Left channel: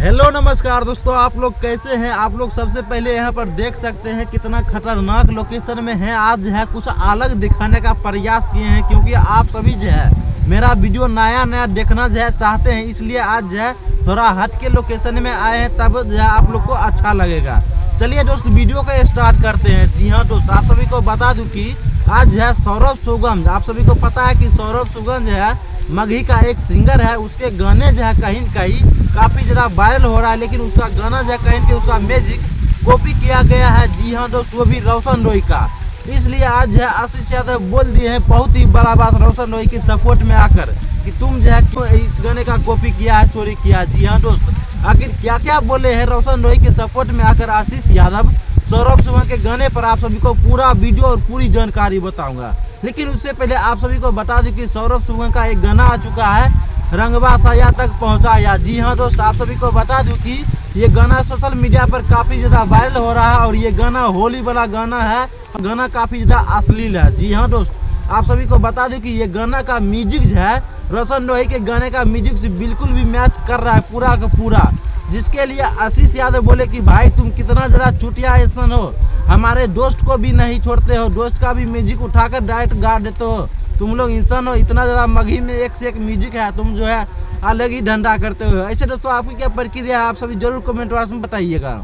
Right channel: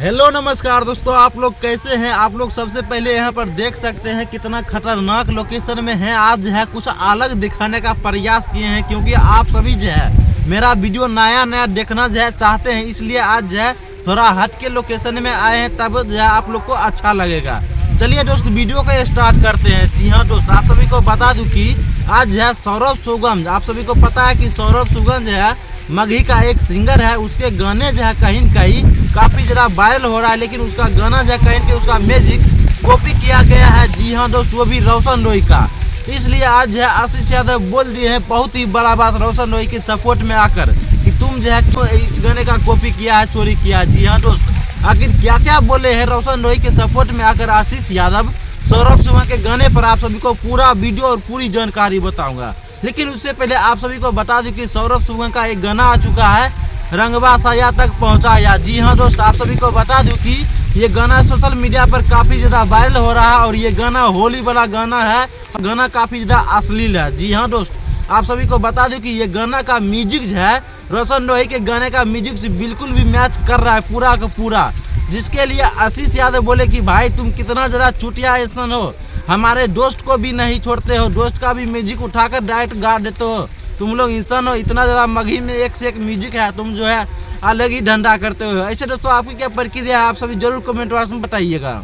Hello नमस्कार दोस्तों, आप लोग कैसे हैं। आप लोग सबसे पहले यहाँ पर देख सकते हैं कितना खतरनाक लोकेशन में है। आज जो है कुछ अलग दिखाने का प्रयास किए हैं, क्योंकि आप सभी जो है मेरा वीडियो नया नया देखना जो है चाहते हैं, इसलिए आज जो है थोड़ा हट के लोकेशन में आए हैं, तब जो है आप लोग को अच्छा लगेगा। चलिए दोस्त वीडियो को स्टार्ट करते हैं। जी हाँ दोस्त, आप सभी को बता दूं कि आज जो है सौरभ सुगम, आप सभी को पता है कि सौरभ सुगम जो है मगही का एक सिंगर है। उसके गाने जो है कहीं न कहीं काफ़ी ज़्यादा वायरल हो रहा है, लेकिन उसका गाना जो है कहीं के उसका म्यूजिक कॉपी किया गया है। जी हाँ दोस्त, वो भी रोशन रॉय का। इसलिए आज जो है आशीष यादव बोल दिए हैं बहुत ही बड़ा बात रोशन रॉय के सपोर्ट में आकर कि तुम जो है क्यों इस गाने का कॉपी किया है, चोरी किया है। जी हाँ दोस्त, आखिर क्या क्या बोले हैं रोशन रॉय के सपोर्ट में आकर आशीष यादव सौरभ सुगम के गाने पर, आप सभी को पूरा वीडियो और पूरी जानकारी बताऊंगा। लेकिन उससे पहले आप सभी को बता दूं कि सौरभ सुगम का एक गाना आ चुका है, रंगवा साया तक पहुंचाया। जी हाँ दोस्त, आप सभी को बता दूं कि ये गाना सोशल मीडिया पर काफ़ी ज़्यादा वायरल हो रहा है और ये गाना होली वाला गाना है और गाना काफ़ी ज़्यादा अश्लील है। जी हाँ दोस्त, आप सभी को बता दूं कि ये गाना का म्यूजिक जो है रोशन रॉय के गाने का म्यूजिक से बिल्कुल भी मैच कर रहा है पूरा का पूरा, जिसके लिए आशीष यादव बोले कि भाई तुम कितना ज़्यादा चुटिया इंसान हो, हमारे दोस्त को भी नहीं छोड़ते हो, दोस्त का भी म्यूजिक उठाकर डायरेक्ट गा देते हो, तुम लोग इंसान हो, इतना ज़्यादा मगही में एक से एक म्यूजिक है, तुम जो है अलग ही धंधा करते हो। ऐसे दोस्तों आपकी क्या प्रक्रिया है, आप सभी जरूर कमेंट बॉक्स में बताइएगा।